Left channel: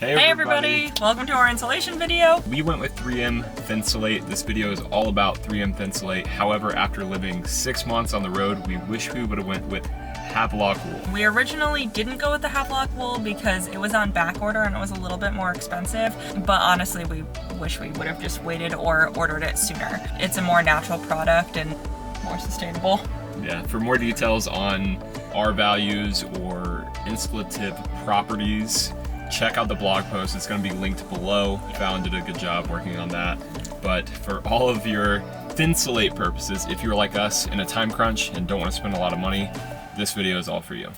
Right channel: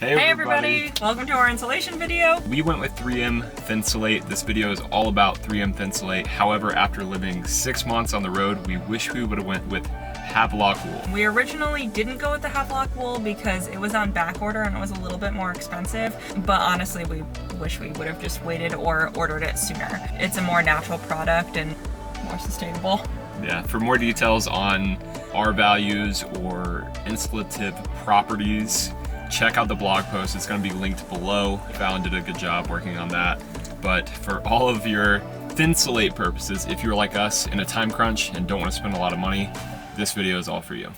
Hey everybody! Welcome to our insulation video. We went with 3M Thinsulate. This video is all about 3M Thinsulate. However, after living 6 months on the road, we wish we would have went with Havelock Wool. We originally didn't go with the Havelock Wool because it was on back order and it was a little bit more expensive, but honestly we wish we would have just waited or ordered it sooner. It's a more natural product and more sustainable. Yeah, for more details on R values or insulative properties, check out the blog post. It's going to be linked below. Fallon did a good job working on that. But for all of your Thinsulate purposes, if you're like us in a time crunch and don't want to spend a lot of money, this video is all for you.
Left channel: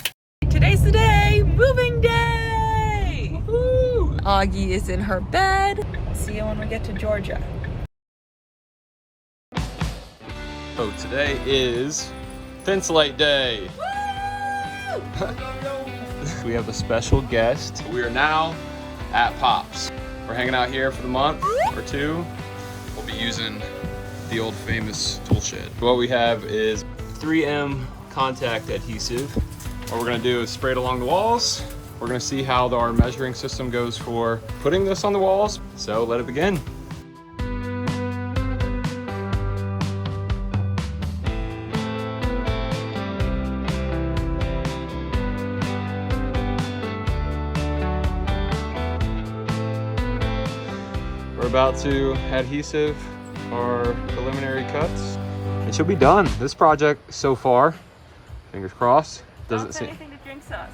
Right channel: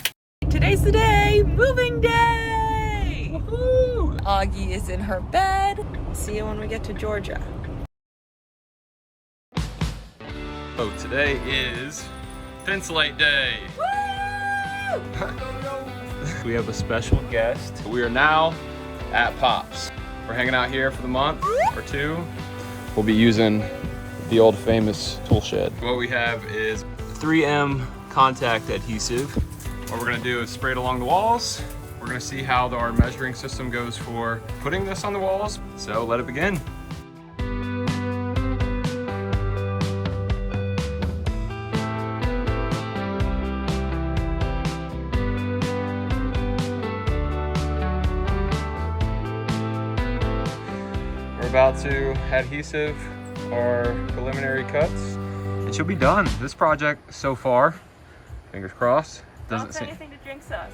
Today's the day! Moving day! Woohoo! Augie is in her bed. See you when we get to Georgia. So today is Thinsulate Day. Woo! We have a special guest. We are now at Pops. We're hanging out here for the month or two. We'll be using the old famous tool shed. What we have is 3M contact adhesive. What we're gonna do is spray it along the walls. We're gonna see how our measuring system goes for putting this on the walls. So let it begin. We're about to adhesive our preliminary cuts. It should be done. This project so far, fingers crossed, doesn't seem anything to jinx us.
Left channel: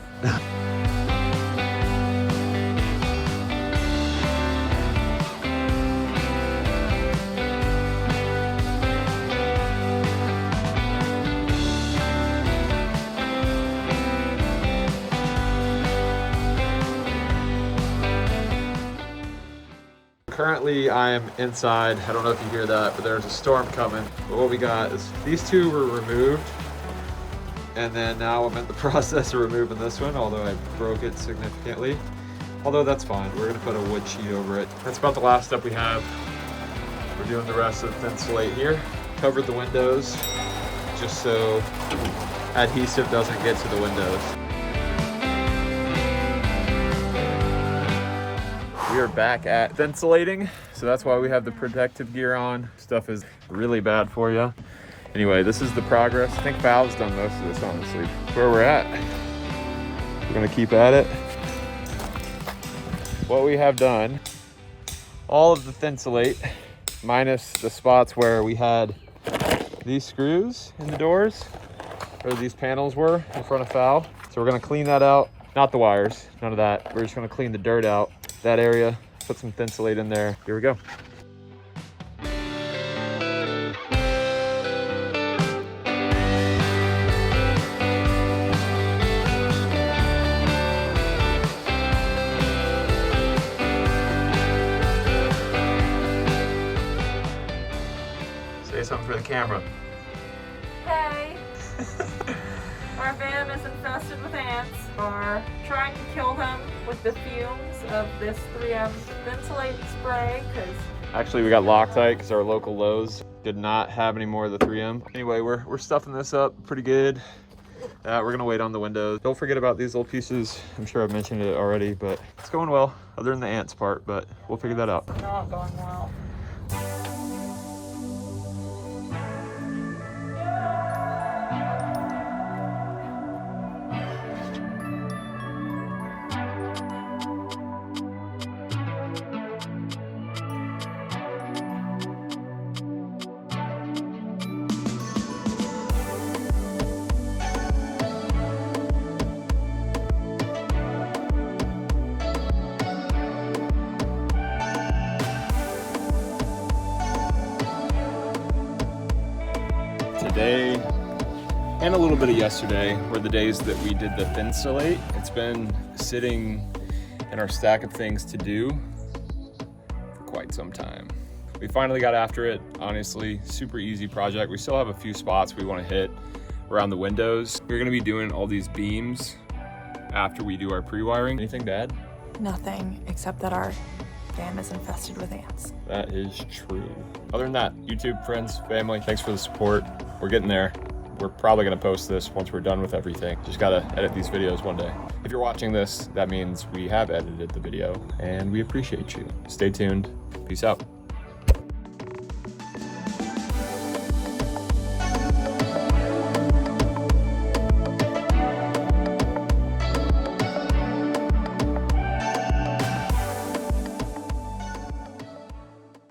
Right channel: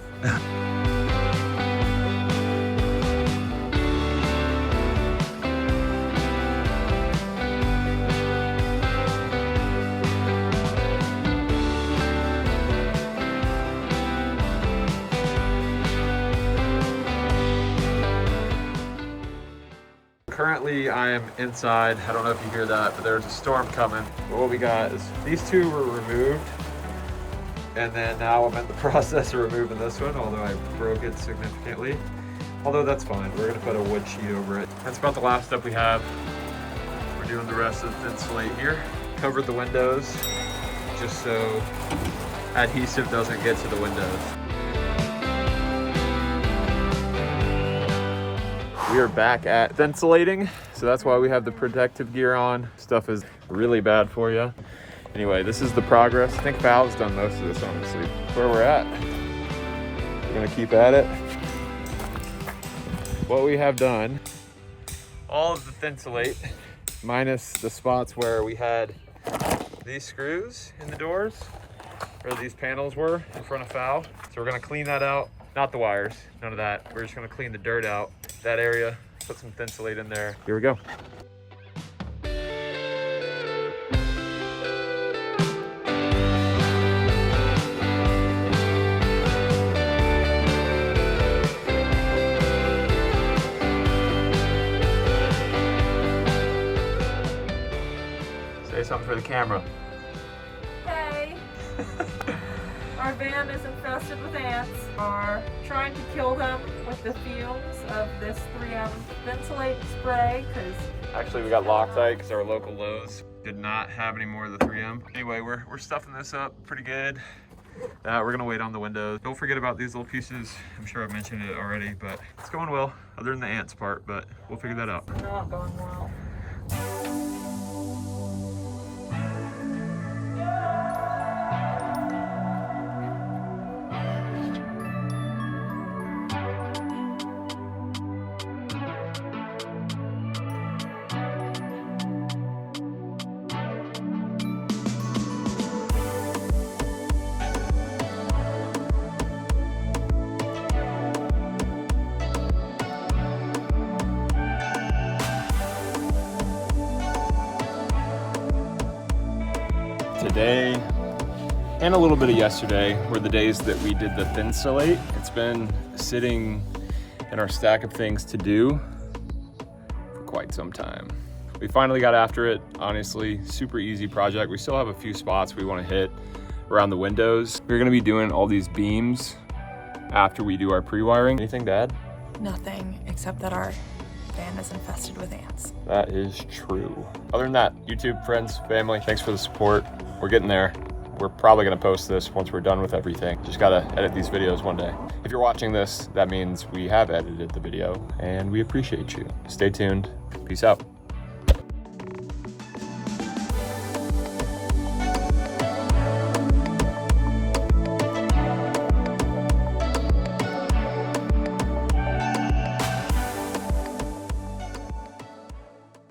Currently, I am inside. I don't know if you hear that, but there's a storm coming. But what we got is these two were removed, and then now I'm in the process of removing this one, although I broke it significantly. Although that's fine. We're gonna put a wood sheet over it. That's about the last step we have. We're doing the rest of the Thinsulate here. Covered the windows just so adhesive doesn't get to the windows. We are back at Thinsulating, so that's why we have the protective gear on. Stuff is really bad for you. Anyway, this is the progress. I think Fal's done most of this, honestly. Where we're at. We're gonna keep at it. What we have done, all of the Thinsulate, minus the spots where we had these screws in the doors, where these panels were in front of Fal. So we're gonna clean that out. Not the wires, none of that. We're just gonna clean the dirt out, that area, put some Thinsulate in there. Here we go. Say something for the camera. Hey! Our van is infested with ants. Are trying to kill them with the fumes of this 3M Thinsulate spray because actually we got Loctite because our local Lowe's did not have any more of the 3M. Anyway, we're stuffing this up pretty good. We're gonna wait on the windows. Don't forget about these little pieces. I'm sure I've mentioned it already, but it's going well, other than the ants part, but we'll figure that out. not going well. Today and a little bit of yesterday were the days that we did the Thinsulate. It's been sitting in our stack of things to do for quite some time. We finally got after it. Honestly, super easy project. We still have a few spots we want to hit around the windows. We're going to be doing all these beams after we do our pre-wiring. Anything bad? Nothing, except that our van is infested with ants. That is true. Other than that, YouTube, friends, family, thanks for the support. We're getting there. We're probably gonna post this once we're done with everything. Just gotta edit these videos one day. If you're watching this, that means we have edited the video and we appreciate you. Stay tuned. Peace out.